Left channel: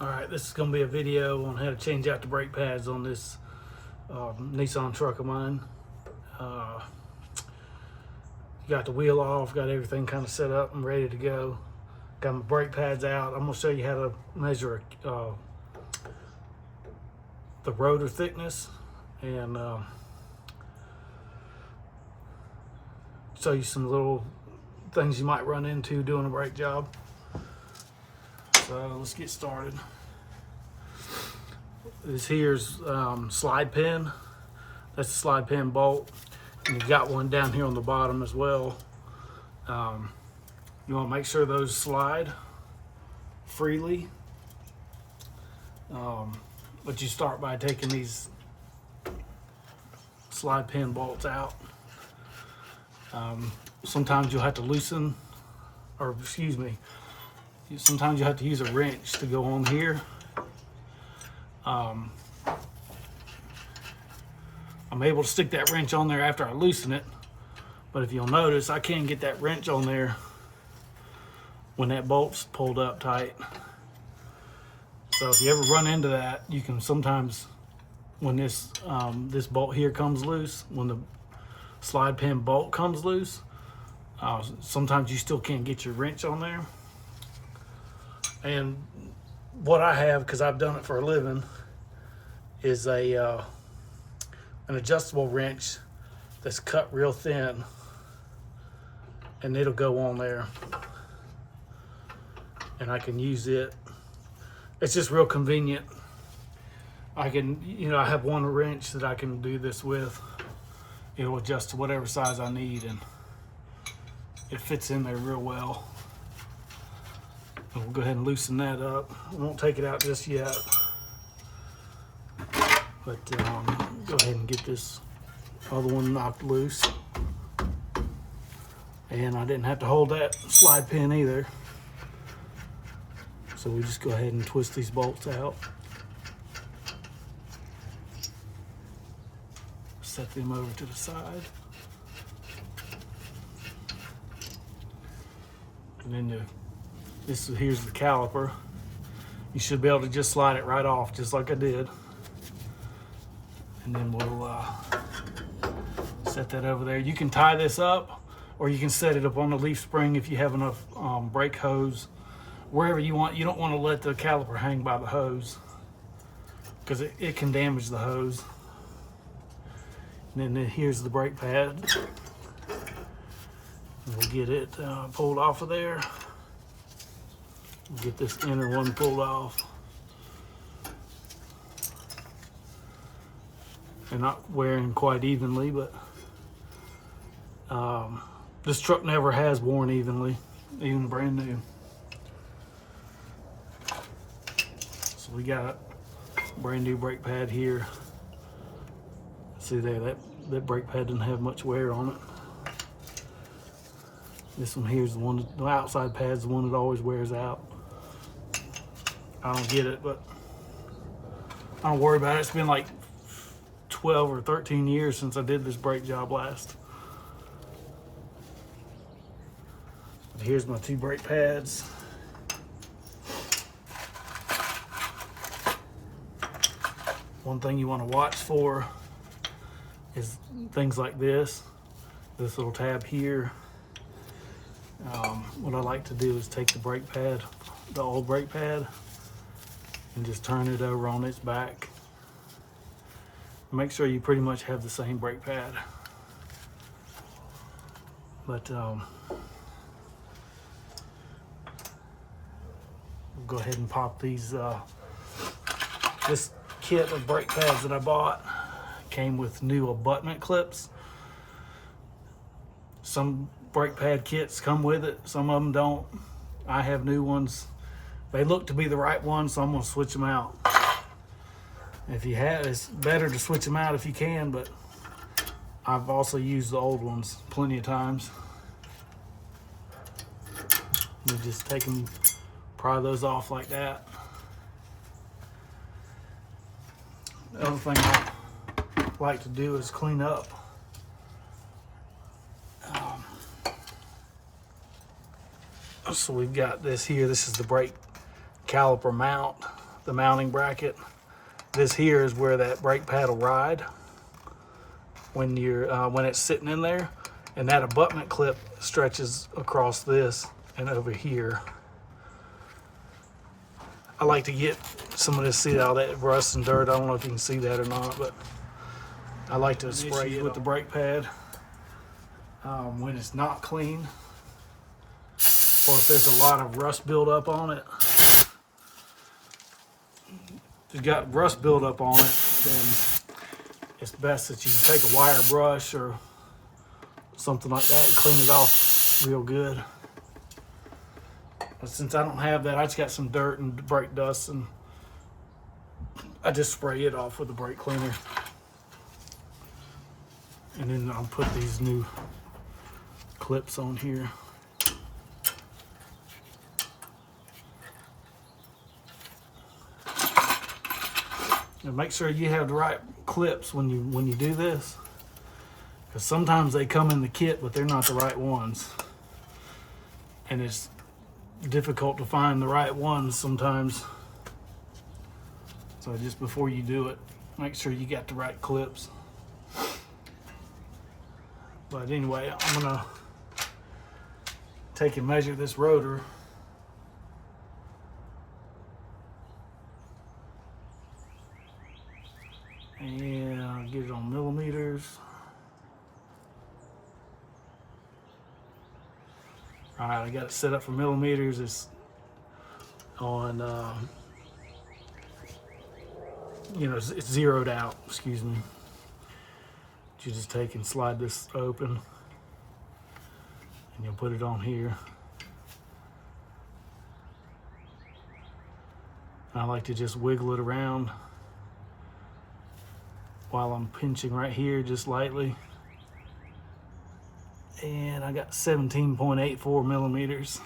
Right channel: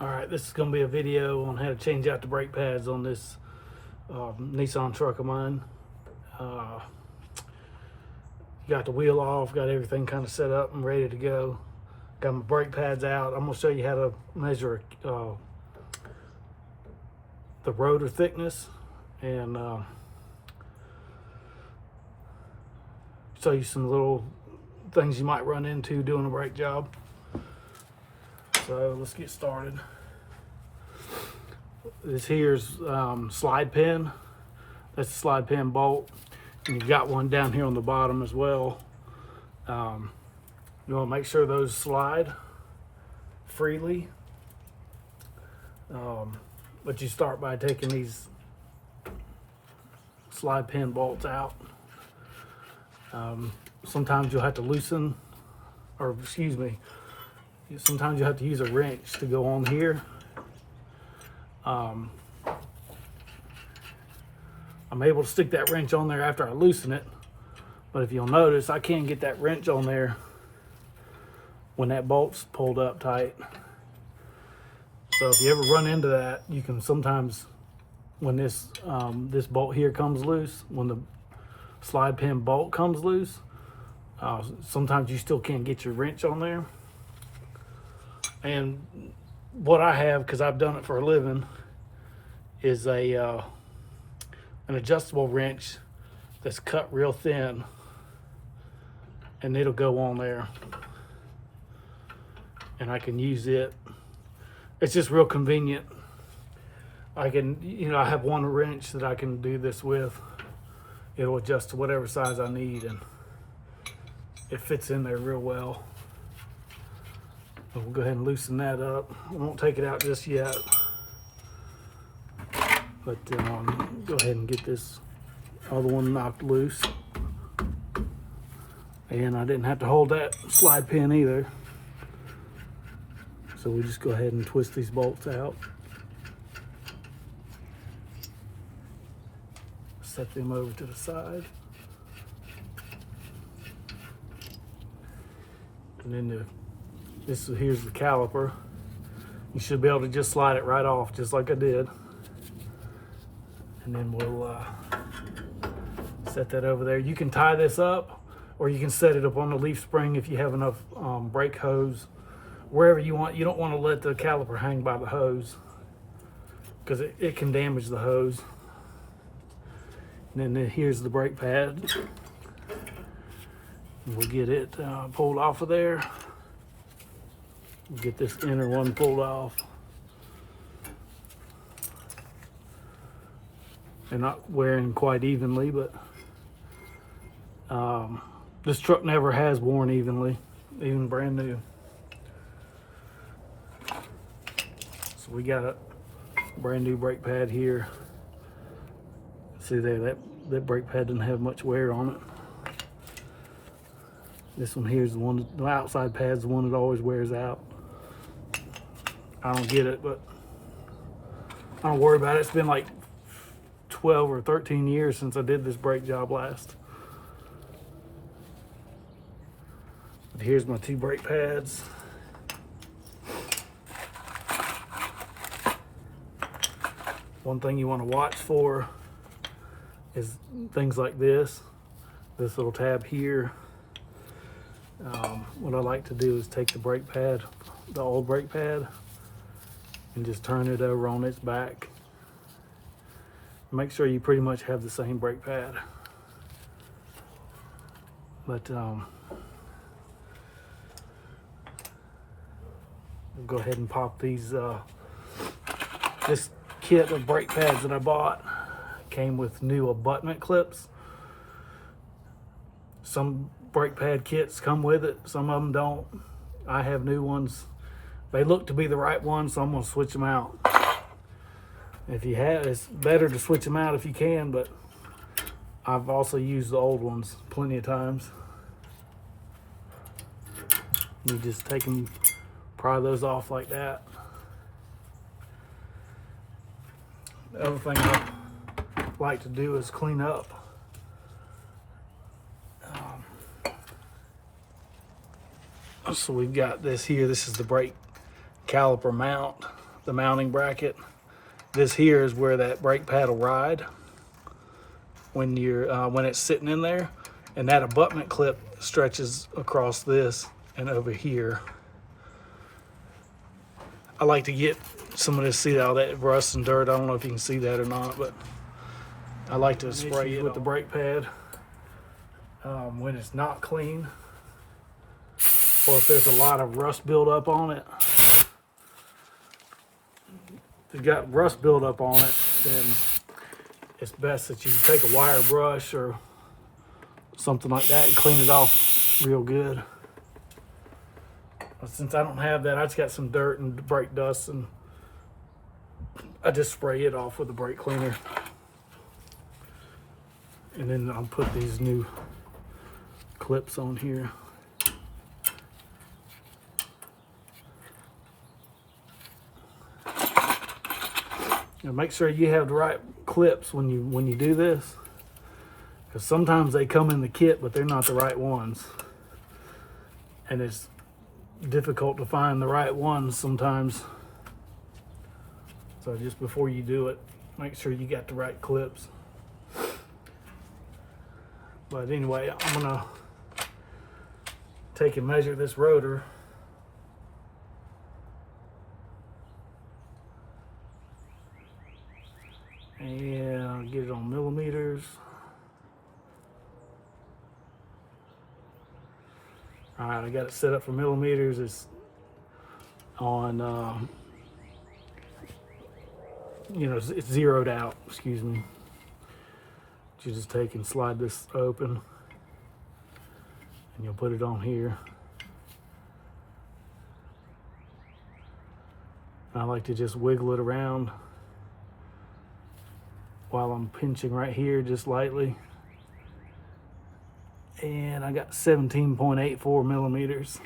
All right, this is going to be a video on how to change out the brake pads on this Nissan truck of mine. Got the wheel off, got everything kind of set up and ready to go. Got my brake pads out. I'm going to show you how to measure the rotor thickness and show you some little things you might run into doing a brake job. So let's get started. This here's slide pin. That's the slide pin bolt. And you've got one down here on the bottom as well. You want to make sure those slide freely. But you start by taking these slide pin bolts out. Sometimes you'll have to loosen, or excuse me, sometimes you have to use a wrench to go on here. I'm able to stick that wrench on there after I loosen it, but if you'll notice, I can't get that wrench on there when that bolt's pulled up tight. So if you ever run into that, you can sometimes, when this this bolt here comes loose, when the slide pin bolt comes loose, sometimes you still can't get your wrench on there. And what I have, because I've done it for a living, is an adjustable wrench that's cut real thin, and it'll go on there, and I can use it. It's just real convenient. I can, I have one wrench that I can do this with. It'll adjust to whatever size I need, and it fits in there real well. And we'll go ahead and loosen that up. I won't take it out just yet, but go ahead and get this other one knocked loose. And I didn't have to hold that slide pin either. So we just go ahead and twist these bolts out. Set them over to the side. And then here's the caliper. You should be able to just slide it right off, just like I did. And then we'll set that over there. You can tie this up, or you can set it up on the leaf spring if you have enough brake hose, wherever you want. You don't want to let the caliper hang by the hose, because it can damage the hose. And then here's the brake pad. And we'll get it pulled off of there. We'll get this inner one pulled off. They're not wearing quite evenly, but this truck never has worn evenly, even brand new. So we got a brand new brake pad here. See there, that brake pad doesn't have much wear on it. This one here is the one, the outside pad's the one that always wears out. I don't get it, but I don't worry about it. It's been like 12 or 13 years since I did this brake job last. But here's my two brake pads. One thing you want to watch for is things like this little tab here. What I like to do is take the brake pad, the old brake pad, and just turn it over on its back. Make sure you pretty much have the same brake pad. But we'll go ahead and pop these. This kit of brake pads that I bought came with new abutment clips. Some brake pad kits come with it, some of them don't. I have new ones. They look to be the right ones, so I'm gonna switch them out. If you have, it's better to switch them out if you can, but I've also used the old ones plenty of times. You just take them, pry those off like that. The other thing I like to do is clean up. So we've got this here. This is the brake caliper mount. the mounting bracket. This here is where that brake pad will ride when when it's sitting in there, and that abutment clip stretches across this and over here. I like to get some of this, see all that rust and dirt. I don't know if you can see that or not, but I like to spray it with the brake pad when it's not clean, or if there's a lot of rust buildup on it. If you've got rust buildup on it, then it's best that you take a wire brush or something like that and clean it off real good. But since I don't have that, I just got some dirt and brake dust, and I just spray it off with a brake cleaner. And then I'll put these new clips on here. And make sure you have the right clips when you do this, because sometimes they come in the kit but they're not the right ones, and it's difficult to find the right ones sometimes. So just before you do it, make sure you got the right clips. But anyway, I'm gonna take and measure this rotor. And I'll get it on millimeters. All right, I got it set up for millimeters. It's on, it's zeroed out, excuse me. You just take and slide this open, and you'll put it on here. I like to just wiggle it around while I'm pinching right here just lightly. And I got 17.84 millimeters.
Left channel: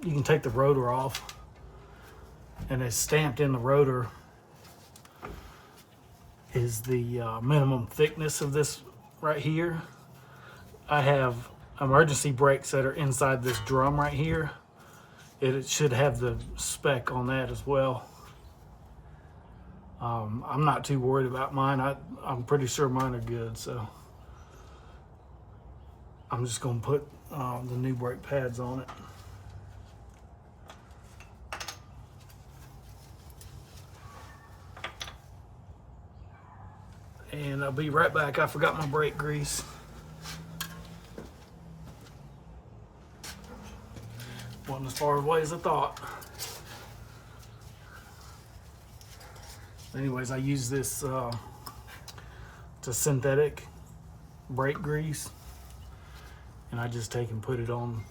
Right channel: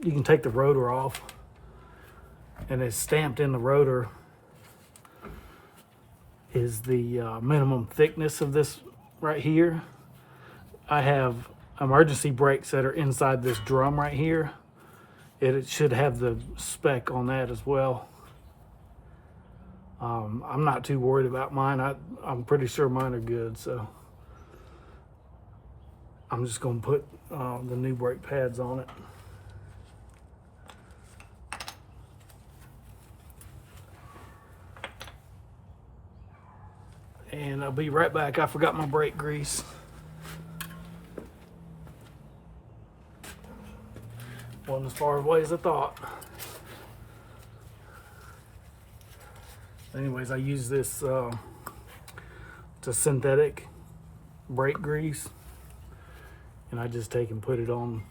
You can take the rotor off, and it's stamped in the rotor is the minimum thickness of this right here. I have emergency brakes that are inside this drum right here. It should have the spec on that as well. I'm not too worried about mine. I'm pretty sure mine are good, so I'm just going to put the new brake pads on it. And I'll be right back. I forgot my brake grease. Wasn't as far away as I thought. Anyways, I use this, it's a synthetic brake grease, and I just take and put it on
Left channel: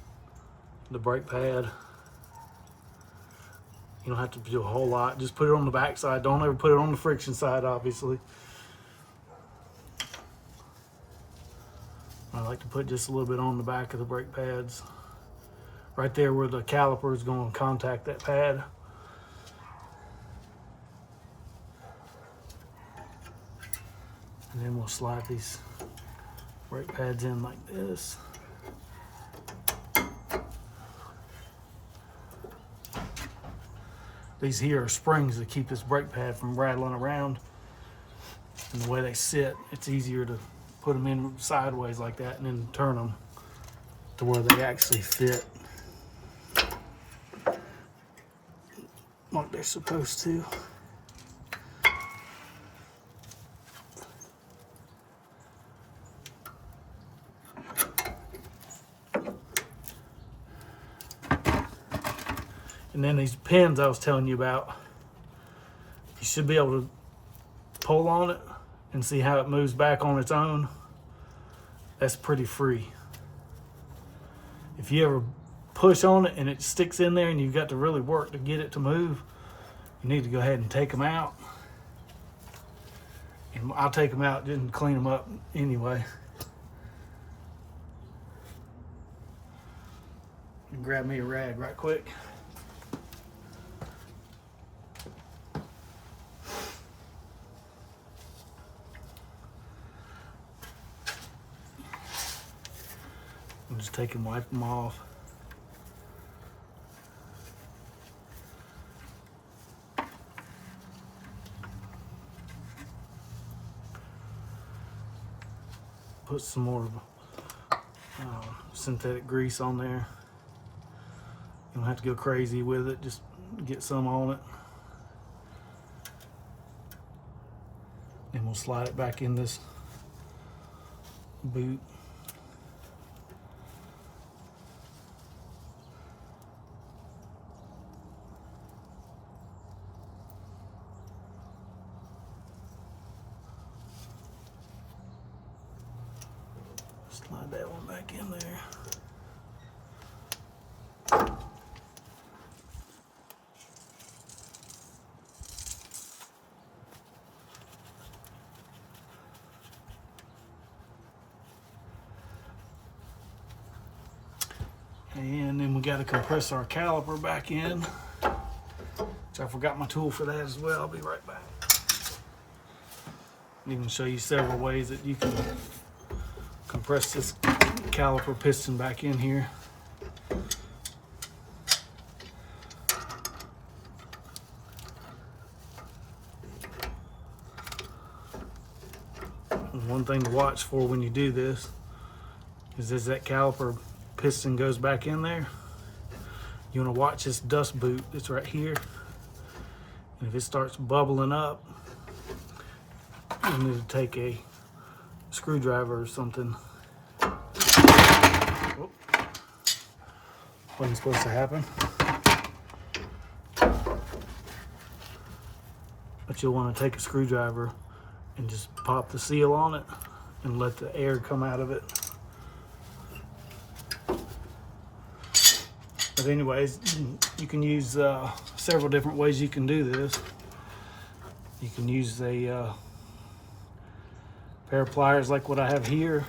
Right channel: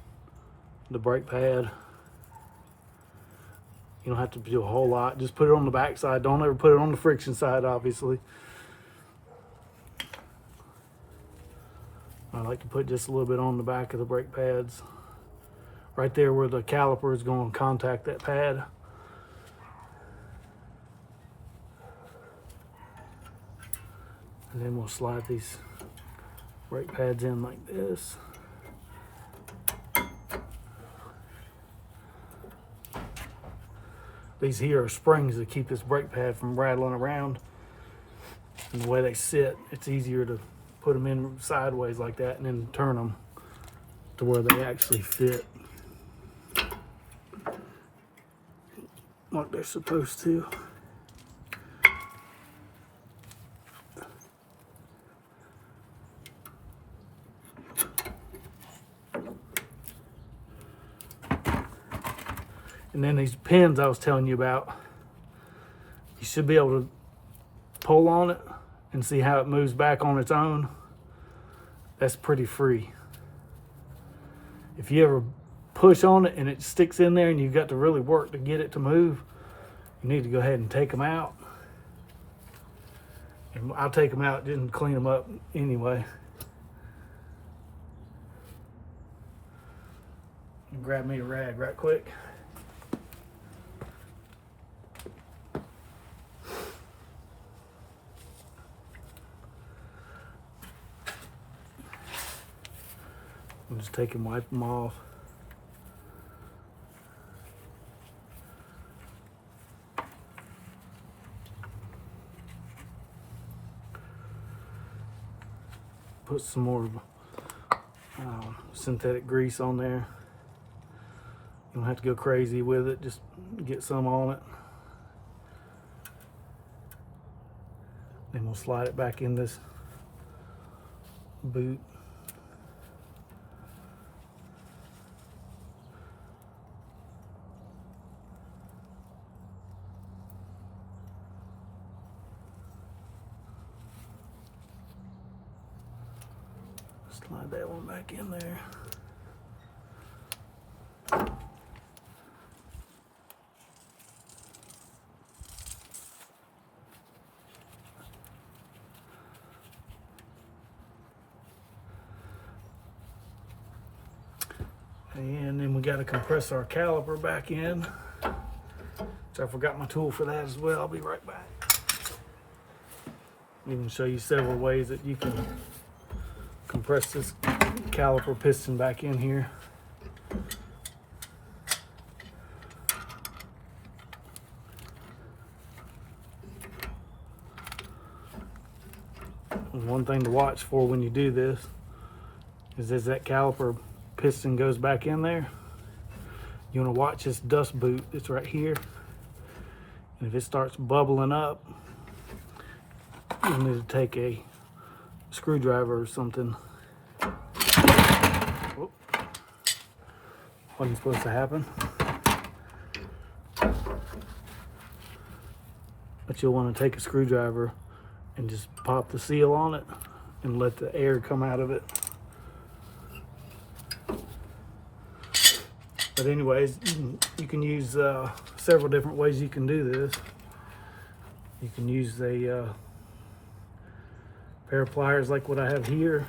the brake pad. You don't have to do a whole lot. Just put it on the back side. Don't ever put it on the friction side, obviously. I like to put just a little bit on the back of the brake pads, right there where the caliper is going to contact that pad. And then we'll slide these brake pads in like this. These here are springs that keep this brake pad from rattling around. And the way they sit, it's easier to put them in sideways like that and then turn them to where they actually fit like they're supposed to. And then these pins I was telling you about, you should be able to pull on it and see how it moves back on its own. That's pretty free. If you ever push on it and it sticks in there and you've got to really work to get it to move, you need to go ahead and take them out. And I'll take them out and clean them up anyway. And grab me a rag right quick. I'll just take and wipe them off. Put some more synthetic grease on there. You don't have to go crazy with it, just get some on it. Then we'll slide it back in this boot. Slide that one back in there. And then we got to compress our caliper back in. So I forgot my tool for that as well. I'll be right back. I'm going to show you several ways that you can compress this caliper piston back in here. And one thing to watch for when you do this is as that caliper piston goes back in there, you want to watch this dust boot that's right here. And if it starts bubbling up, you need to take a screwdriver or something. Oh, wasn't supposed to happen. But you'll want to take a screwdriver and just pop the seal on it and let the air come out of it. But anyways, you can use several different ways you can do this. You can use a pair of pliers like what I have here.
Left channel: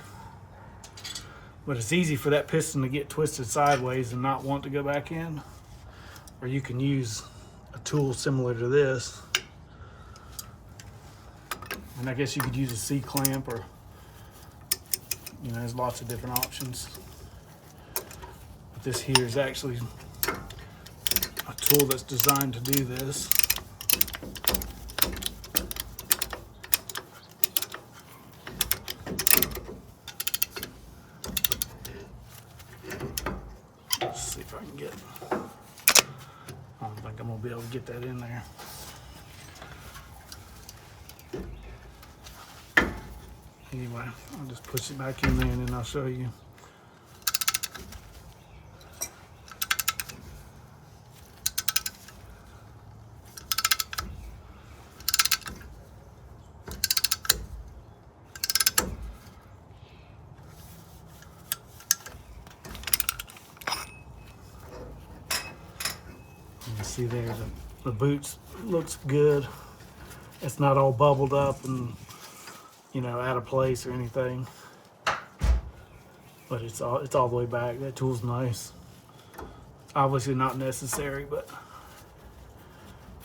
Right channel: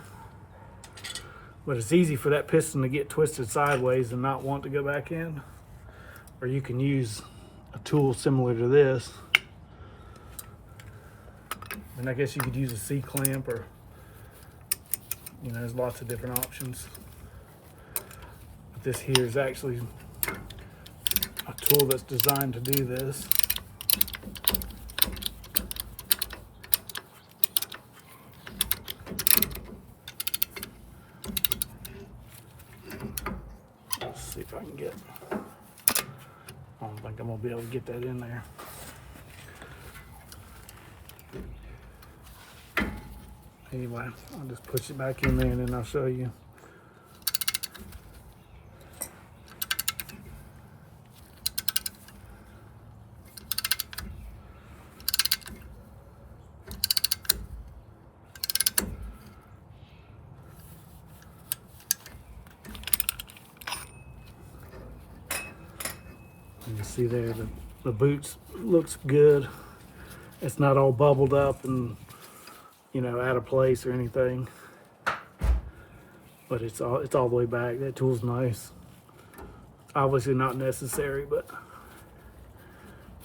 But it's easy for that piston to get twisted sideways and not want to go back in. Or you can use a tool similar to this. And I guess you could use a C-clamp, or, you know, there's lots of different options. But this here is actually a tool that's designed to do this. Let's see if I can get, I don't think I'm gonna be able to get that in there. Anyway, I'll just push it back in there and then I'll show you. You see there, the boots looks good. It's not all bubbled up and, you know, out of place or anything. But it's all the way back. That tool's nice. Obviously not necessary, but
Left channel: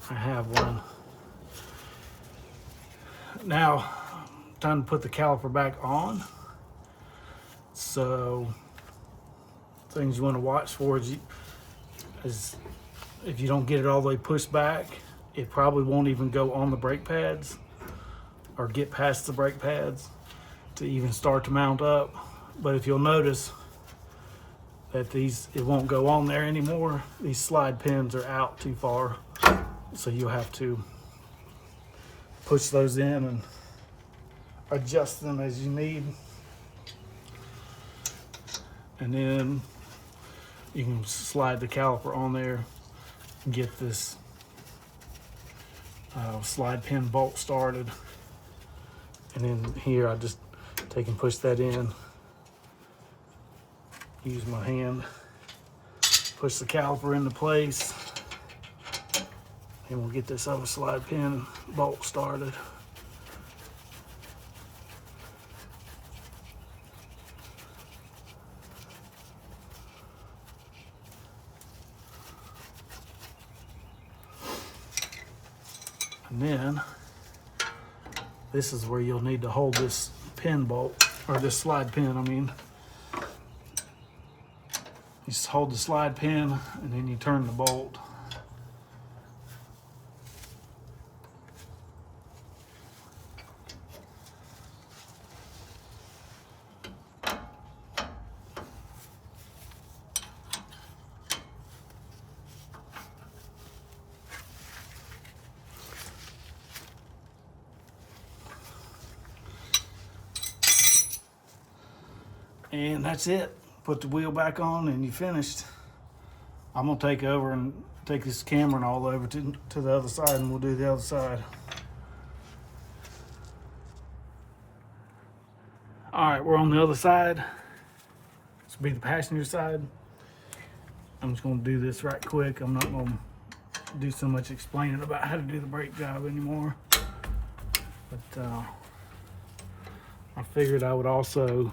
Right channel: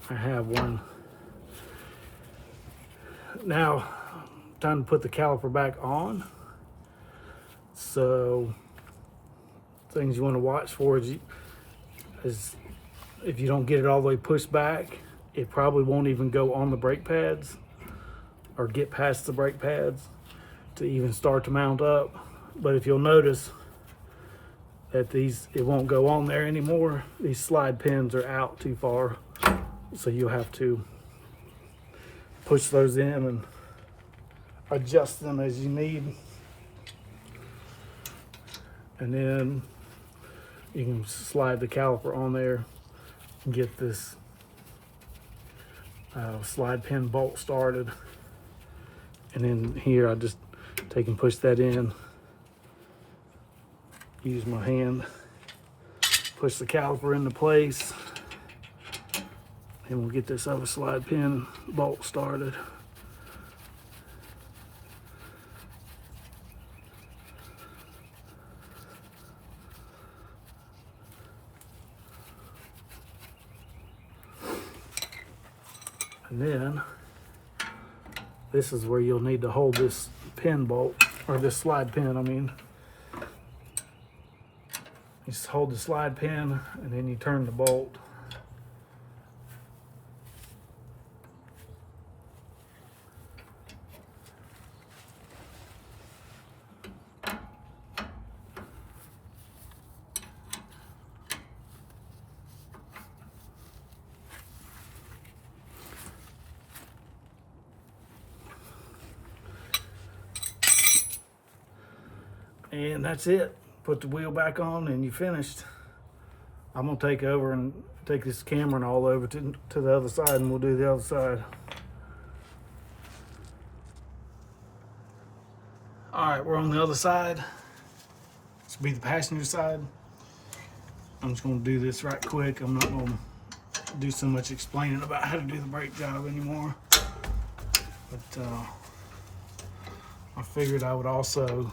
I have one. Now, time to put the caliper back on. So, things you want to watch for is if you don't get it all the way pushed back, it probably won't even go on the brake pads or get past the brake pads to even start to mount up. But if you'll notice that it won't go on there anymore, these slide pins are out too far. So you'll have to push those in and adjust them as you need. And then you can slide the caliper on there and get this slide pin bolt started. And then here I just take and push that in. Use my hand, push the caliper into place, and we'll get this other slide pin bolt started. And then this is where you'll need to hold this pin bolt, or this slide pin, I mean. You just hold the slide pin and then you turn the bolt. And that's it. Put the wheel back on and you finished. I'm gonna take over and take this camera and all over to the other side, and we'll do the other side. All right, we're on the other side. This will be the passenger side. I'm just gonna do this right quick. I'm not gonna do so much explaining about how to do the brake job anymore. But I figured I would also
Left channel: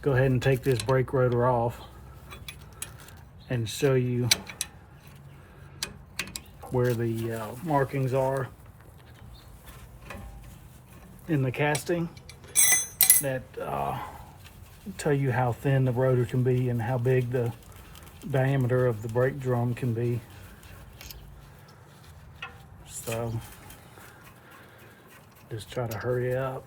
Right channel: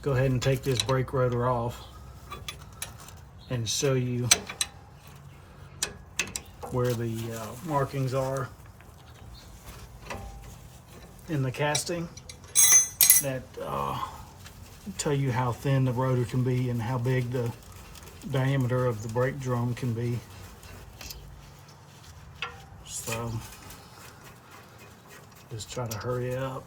go ahead and take this brake rotor off and show you where the markings are in the casting that tell you how thin the rotor can be and how big the diameter of the brake drum can be. So just try to hurry up.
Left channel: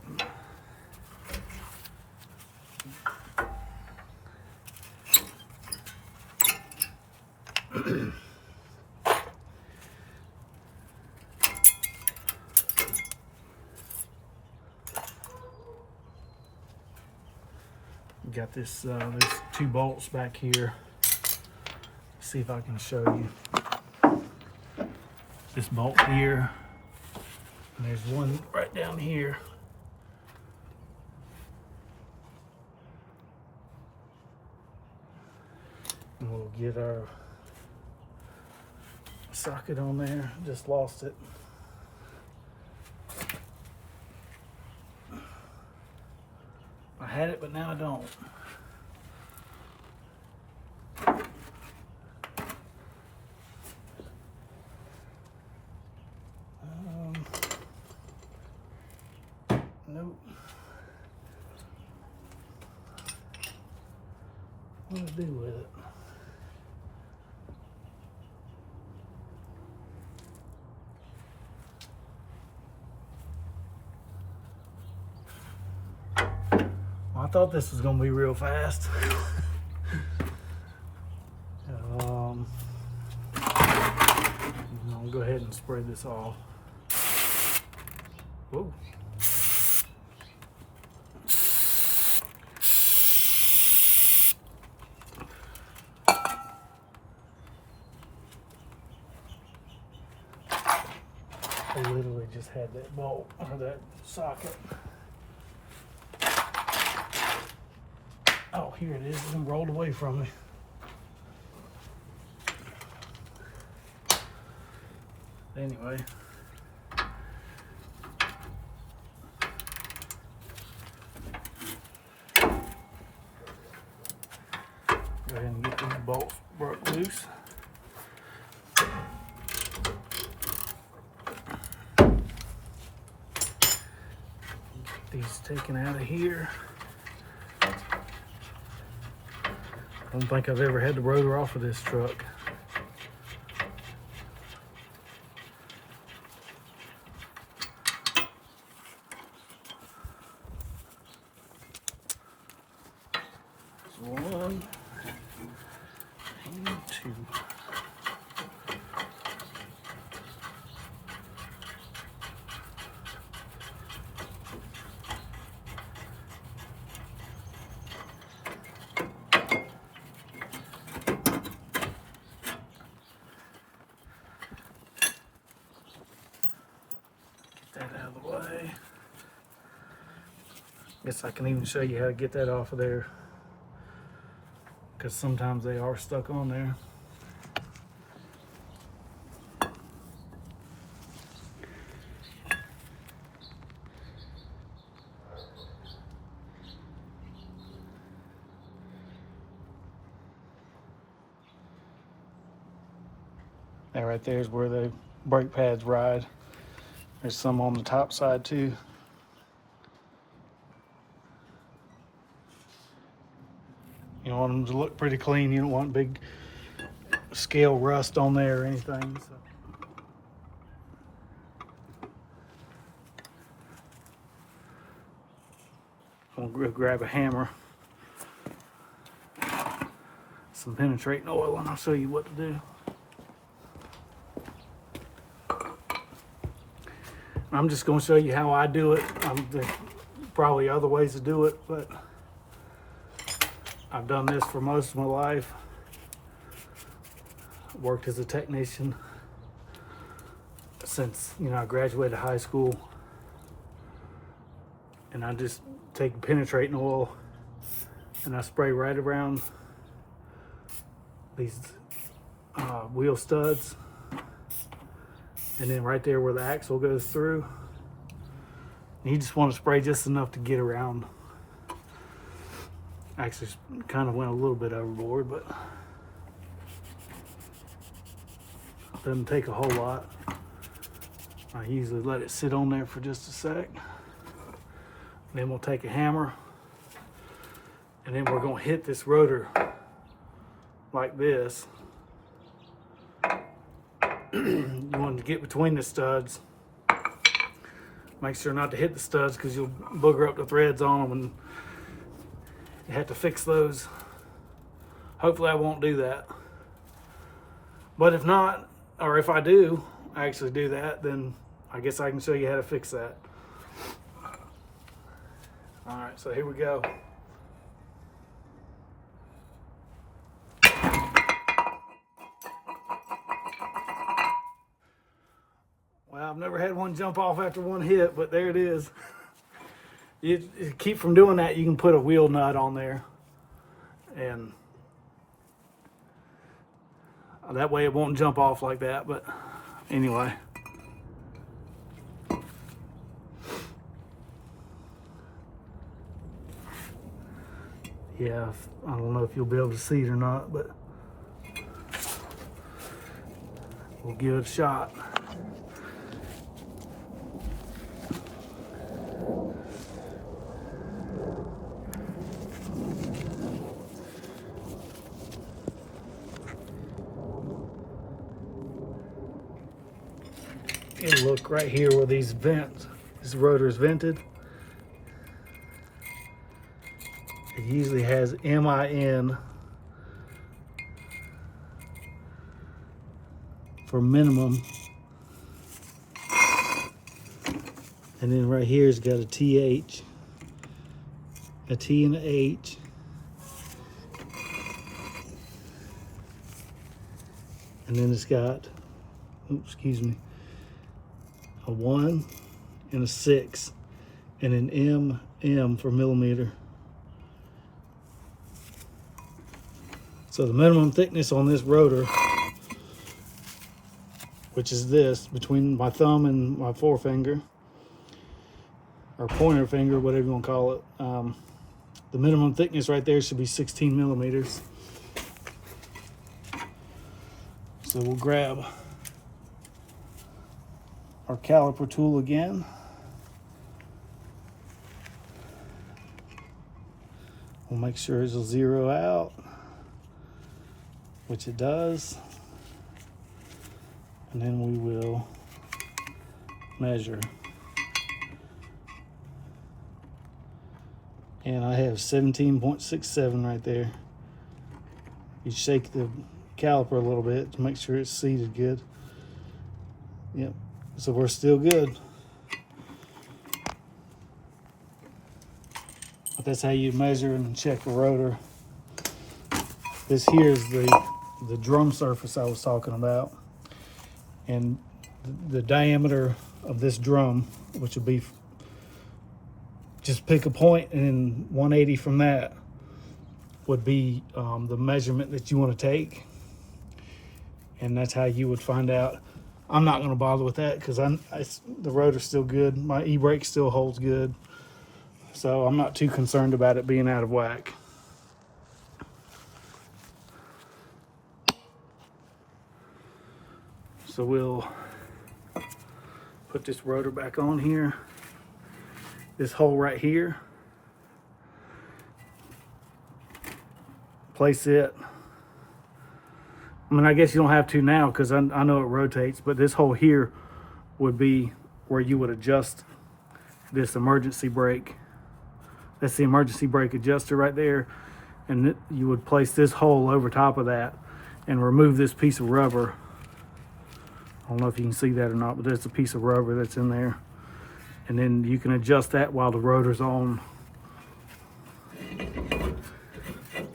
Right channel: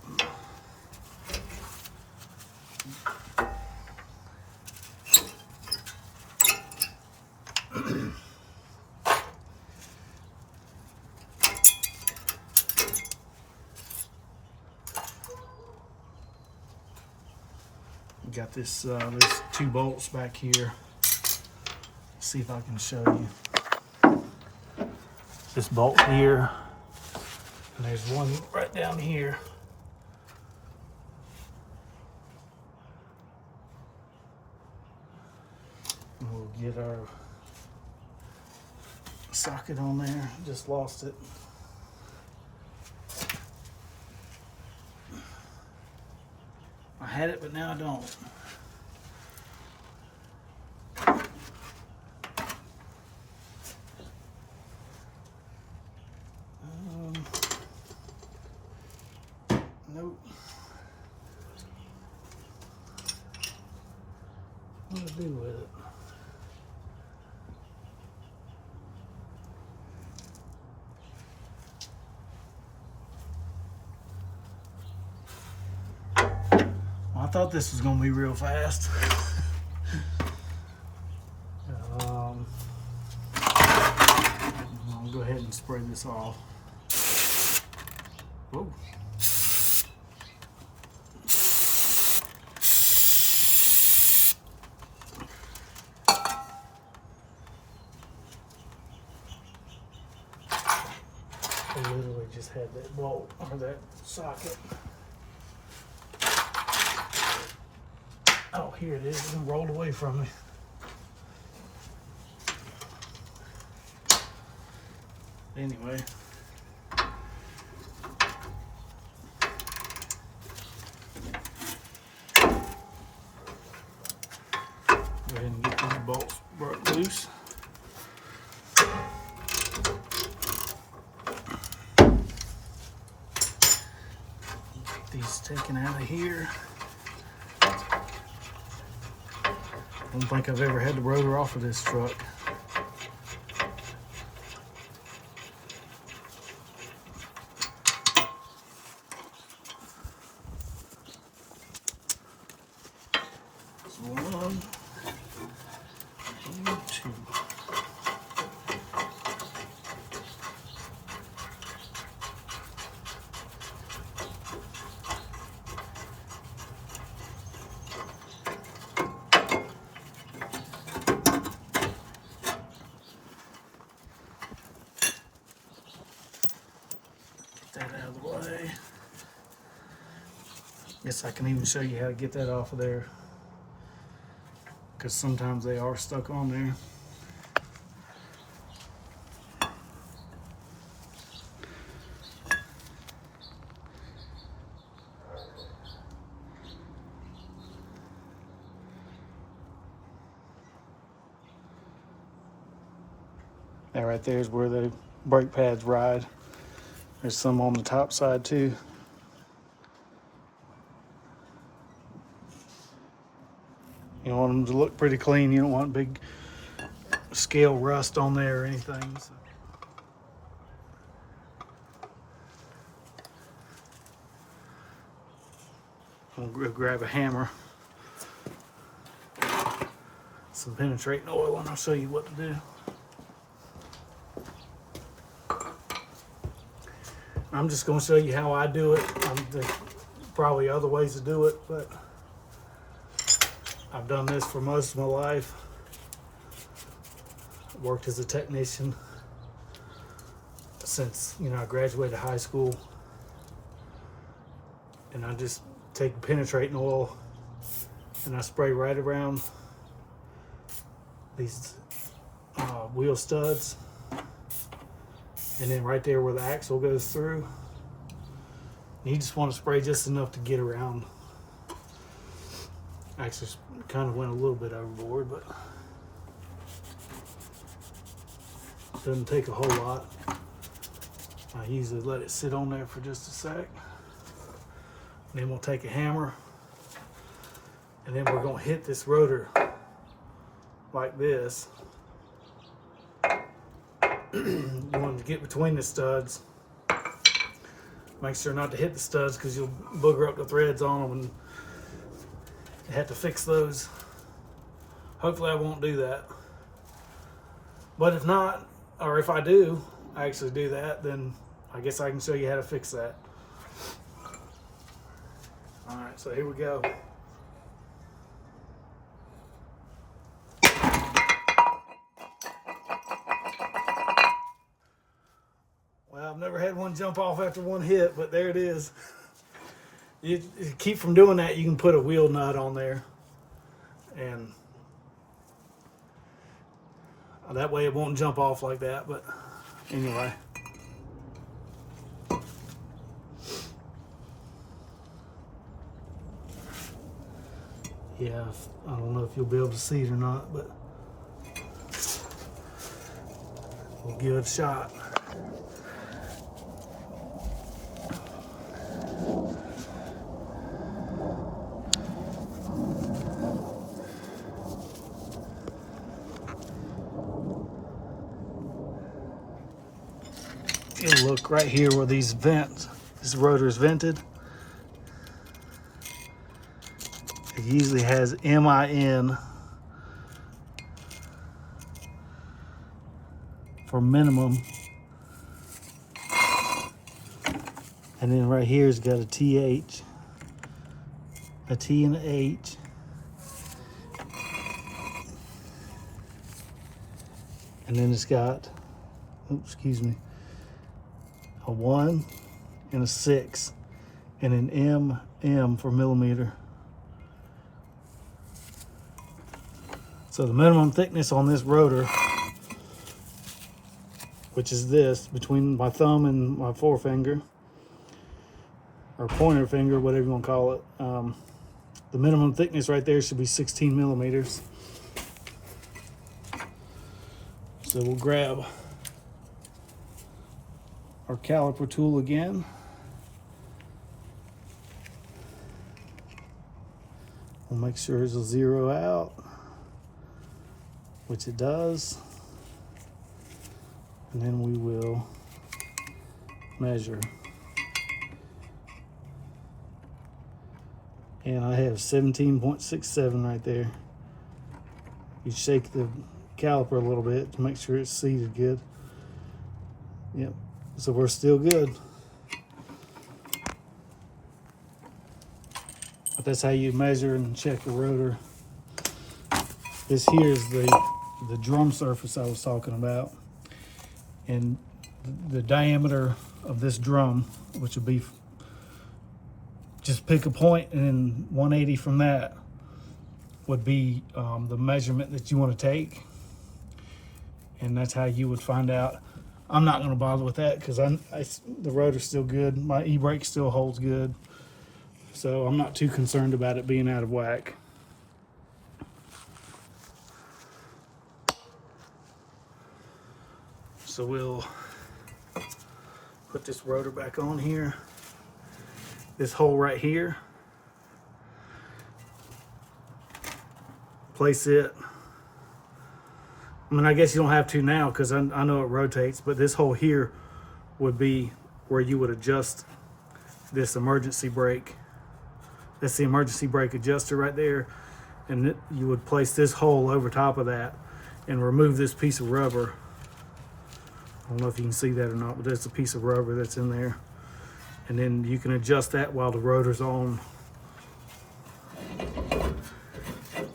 Got this, there's 2 bolts back here. Let's see if I can show you. This bolt here, and there's one right down here. And we'll get our socket on there. Just lost it. I had it, but now I don't. Nope. What do I do with it? I thought this was going to be real fast. I'll go ahead and spray this off. Whoa. I literally just had that bolt on that socket. Oh, here it is. It rolled away from me. Anyway. Go ahead and get these bolts broke loose. Get these taken out of here. I don't think I've ever had the rotor off of this truck. So 1, 2. That out of the way. Guess I can even show you how to get that off of there, because sometimes they are stuck on there. That right there is where the brake pads ride. There's some on the top side too. You want them to look pretty clean. You don't want big scale rust on there or anything. So. I'm gonna go grab a hammer, some penetrating oil, and I'll show you what to do. I'm just gonna show you how I do it. There's probably other ways to do it, but I've done this for most of my life. Worked as a technician since, you know, I graduated high school. And I just take penetrating oil and I spray right around these wheel studs. And then right there where the axle goes through. You just want to spray just enough to get around. Actually, kind of went a little bit overboard, but doesn't take a whole lot. I usually let it sit on there for just a sec. Then we'll take a hammer, and then we're going to hit this rotor like this. You want to get between the studs. Make sure not to hit the studs because you'll booger up the threads on them, and you have to fix those. Hopefully I won't do that. But if not, or if I do actually do that, then I guess I can show you how to fix that. All right, so here we go. Well, I've never had one jump off after one hit, but there it is. You keep from doing that, you can put a wheel nut on there, and that way it won't jump off like that. But anyway. Yeah, I don't know if you'll be able to see it or not, but we'll give it a shot. You'll look right here where these vents, this rotor is vented. It usually has MIN for minimum. And then right here it's got a TH, a T and a H. And then it's got, oops, excuse me, a 1 and a 6 and an MM for millimeter. So the minimum thickness on this rotor, which is this, between my thumb and my forefinger, or pointer finger, whatever you want to call it, the minimum thickness right there should be 16 millimeters. So we'll grab our caliper tool again. We'll make sure it'll zero out, which it does. And then we will measure. And I have 17.67 right there. You shake the caliper a little bit to make sure it's seated good. Yep, so we're still good. But that's how you measure and check a rotor. This here is the drum surface I was talking about. And the diameter of this drum, which would be, just pick a point, and then 180 from that would be the measurement that you want to take. And that's how you would find out. I'm not going to bother with that because the rotor's still good. My e-brake still holds good. So I'm not too concerned about it being out of whack. So we'll put this rotor back on here. This hole right here place it. I mean, I guess you don't have to now because I know it rotates, but this hole here would be where you would adjust this emergency brake. That's the emergency brake adjuster right there. And you would place this hole over top of that and remove this piece of rubber. I don't know if you can see that or not, but there's a piece of rubber that's in there. And then you can adjust that while the rotor's on.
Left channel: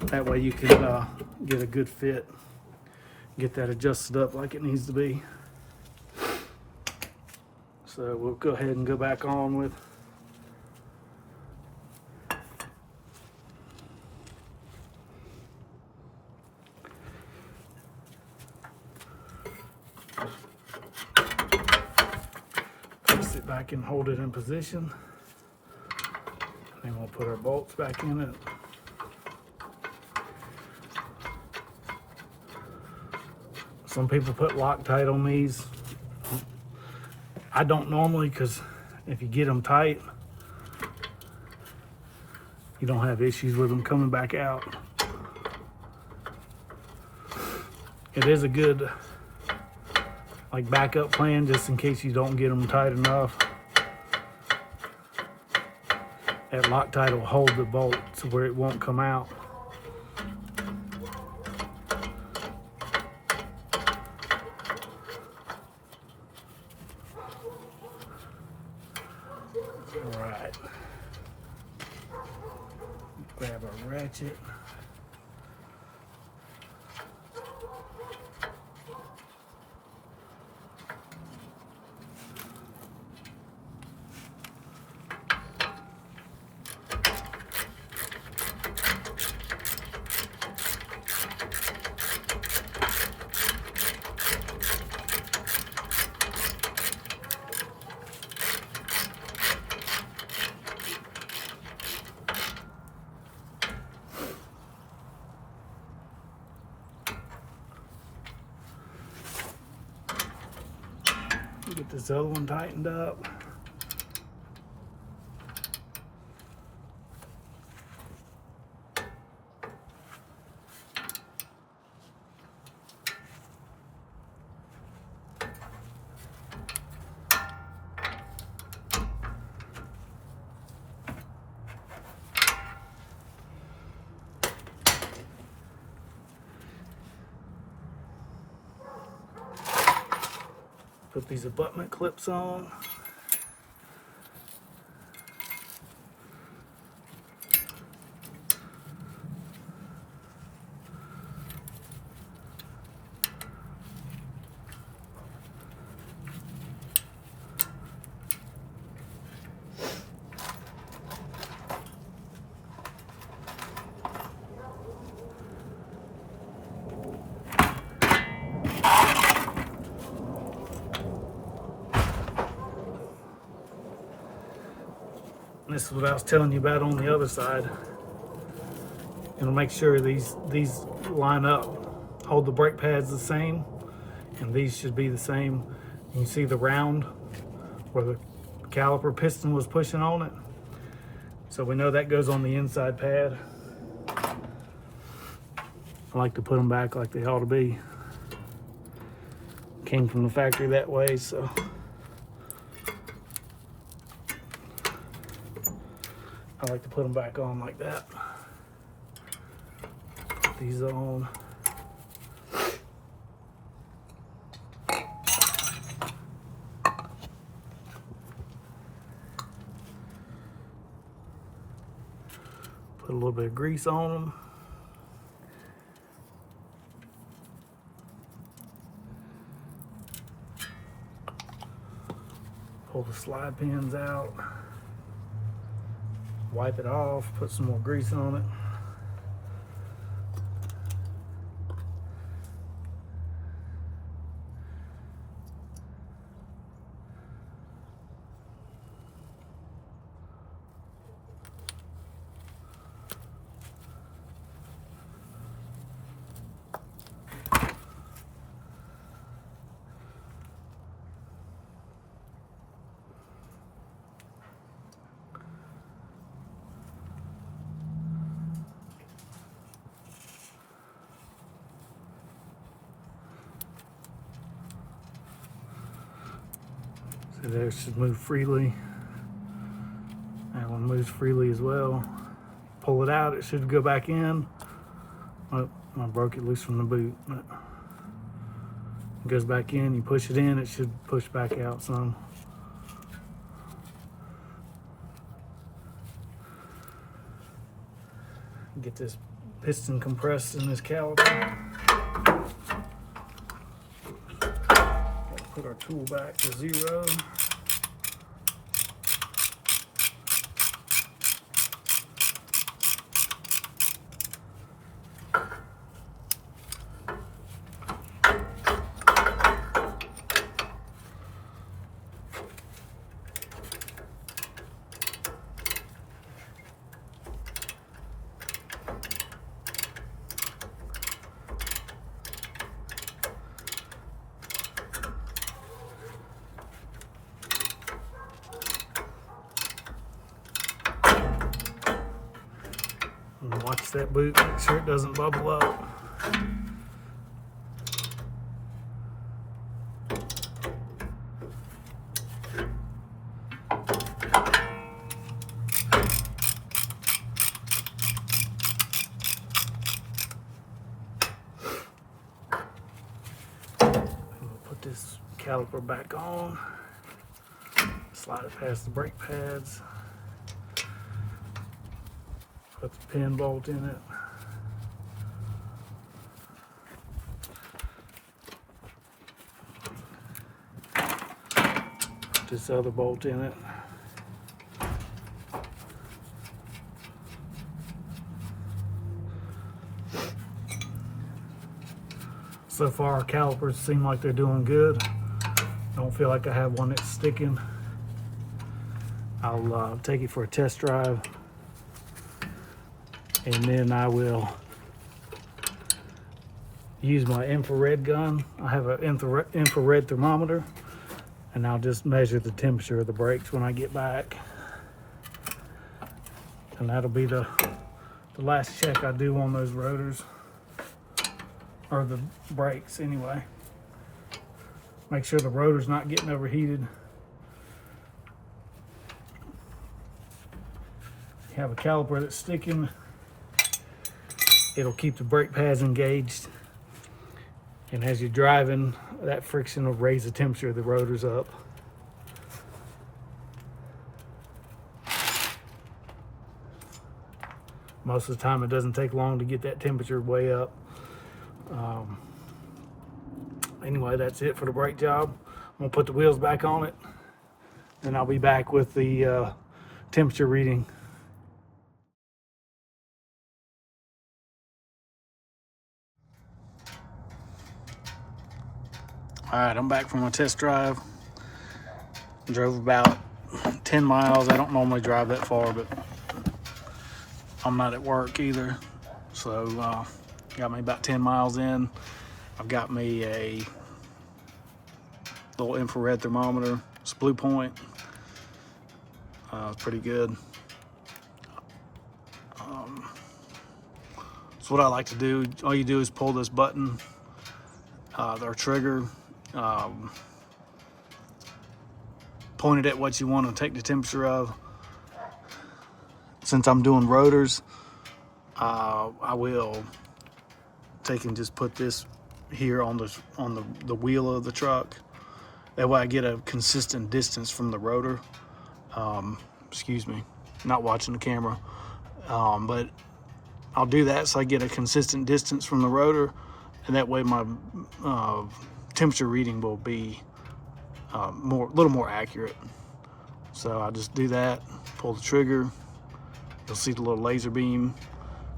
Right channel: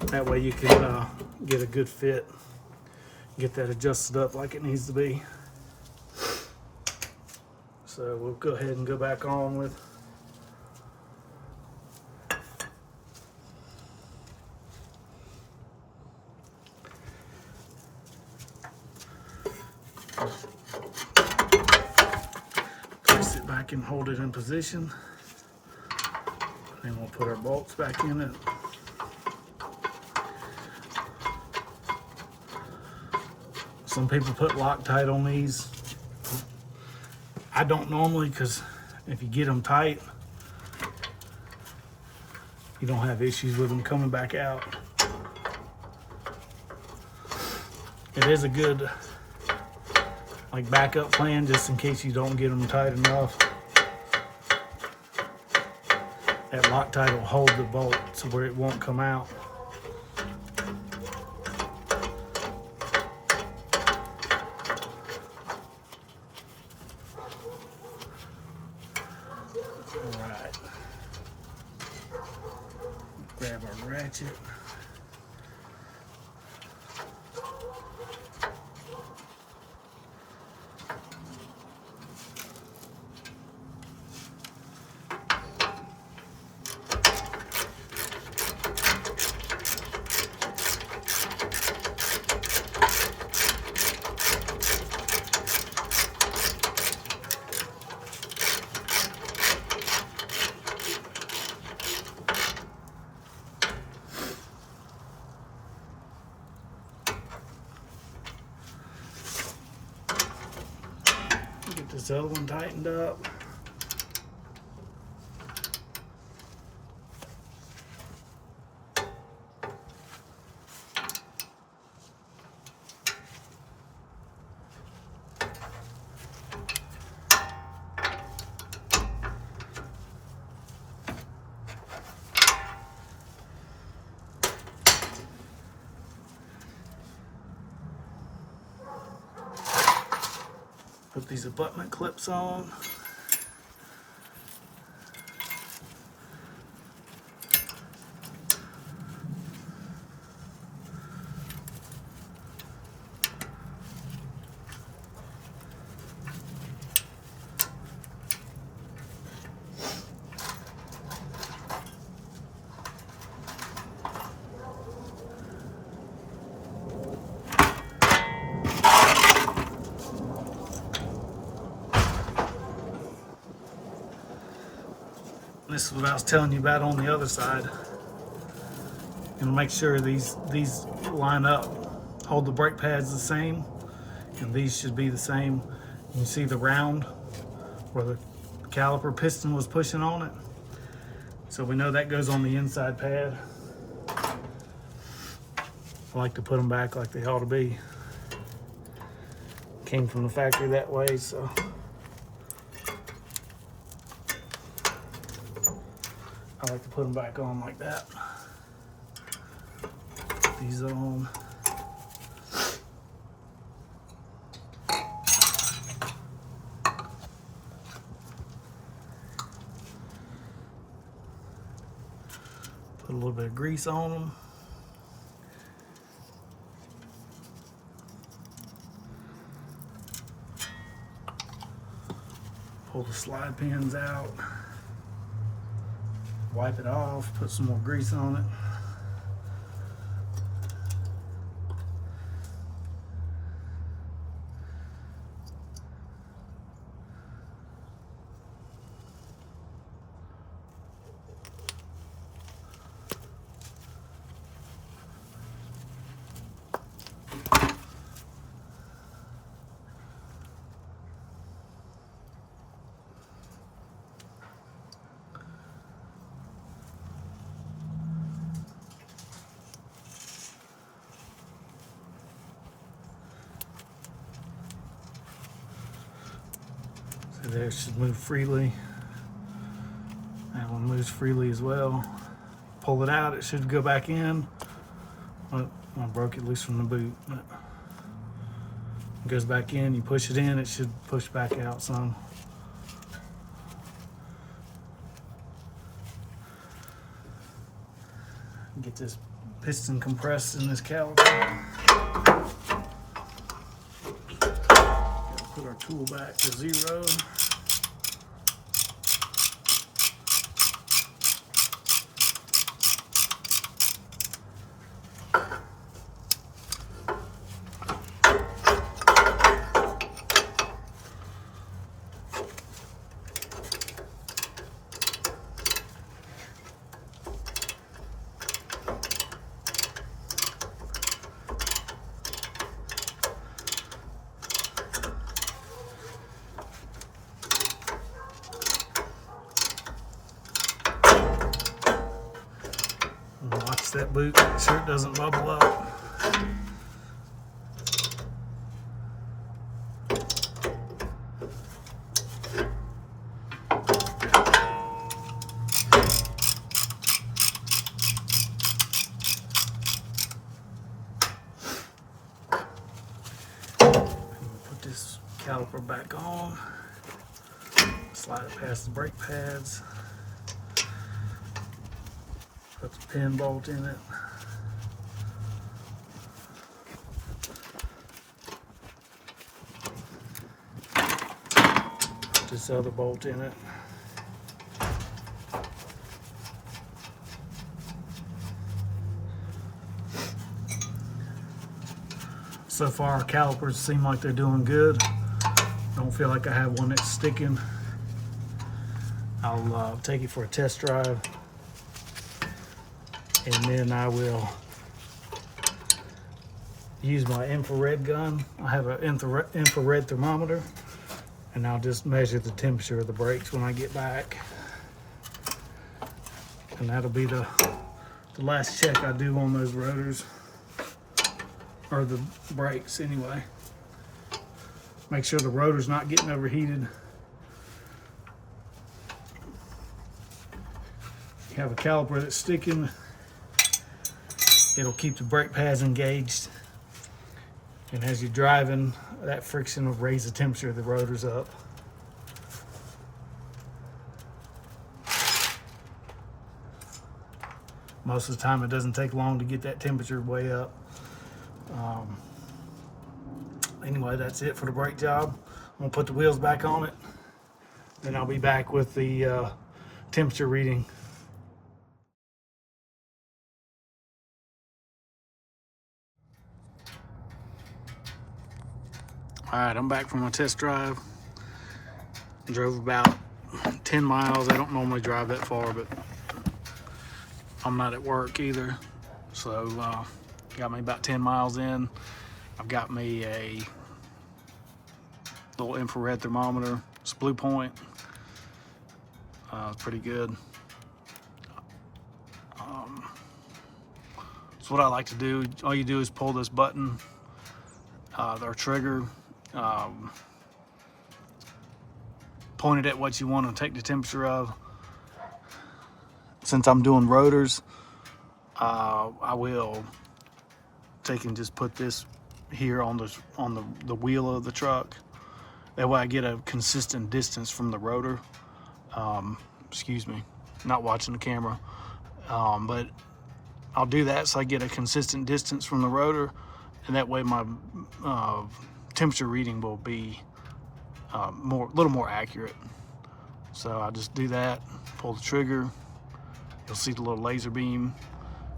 That way you can get a good fit. Get that adjusted up like it needs to be. So we'll go ahead and go back on with place it back and hold it in position. And we'll put our bolts back in it. Some people put Loctite on these. I don't normally, because if you get them tight, you don't have issues with them coming back out. It is a good like backup plan just in case you don't get them tight enough. That Loctite will hold the bolt to where it won't come out. Alright. Grab our ratchet. Get this other one tightened up. Put these abutment clips on. This is what I was telling you about on the other side. And make sure these line up. Hold the brake pads the same, and these should be the same. You can see the round where the caliper piston was pushing on it. So we know that goes on the inside pad. I like to put them back like they ought to be. Came from the factory that way, so. I like to put them back on like that. Put these on. Put a little bit of grease on them. Pull the slide pins out. Wipe it off, put some more grease on it. And there, it should move freely. That one moves freely as well. Pull it out, it should go back in. Oh, I broke it loose from the boot, but it goes back in. You push it in, it should push back out some. Get this piston compressed in this caliper. Put our tool back to 0. And watch that boot, make sure it doesn't bubble up. Put this caliper back on. Slide it past the brake pads. Put the pin bolt in it. Put this other bolt in it. So far our calipers seem like they're doing good. Don't feel like I have one that's sticking. I'll take it for a test drive, and then I will use my infrared gun. I have an infrared thermometer, and I'll just measure the temperature of the brakes when I get back. And that'll be the last check I do on those rotors, or the brakes anyway. Make sure the rotor's not getting overheated. You have a caliper that's sticking, it'll keep the brake pads engaged. And as you're driving, that friction will raise the temperature of the rotors up. Most of the time it doesn't take long to get that temperature way up. Anyway, that's it for the brake job. I'm gonna put the wheels back on it, and I'll be back with the temperature reading. All right, I'm back from my test drive. Drove about 10 miles. I don't normally drive that far, but I'm not at work either. So got me about 10 miles in. I've got me a little infrared thermometer. It's Blue Point. It's pretty good. So what I like to do, all you do is pull this button, or trigger, point it at what you want to take the temperature of. Since I'm doing rotors, I will take and just put this here on the wheel of the truck. That way I get a consistent distance from the rotor. Excuse me, not watching the camera. But I'll do that so I get a consistent distance from the rotor, and that way my temperature reading will be a little more accurate. So I just do that, pull the trigger. You'll see the little laser beam.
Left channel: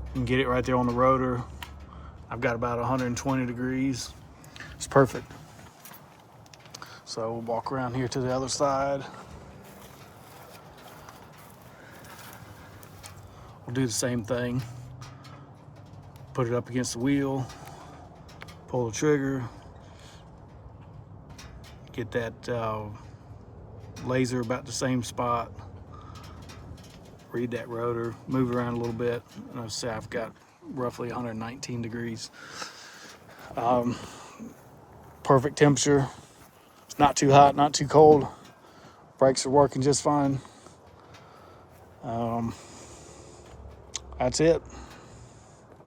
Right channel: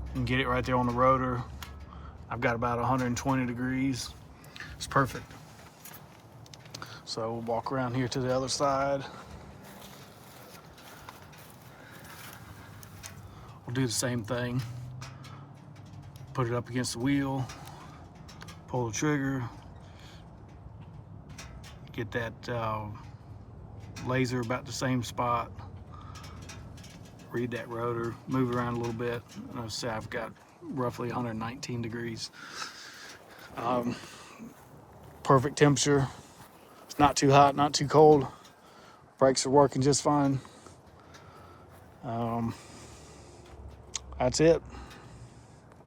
You can get it right there on the rotor. I've got about 120 degrees. It's perfect. So we'll walk around here to the other side. We'll do the same thing. Put it up against the wheel, pull the trigger, get that laser about the same spot, read that rotor, move around a little bit, and I'll say I've got roughly 119 degrees. Perfect temperature. It's not too hot, not too cold. Brakes are working just fine. That's it.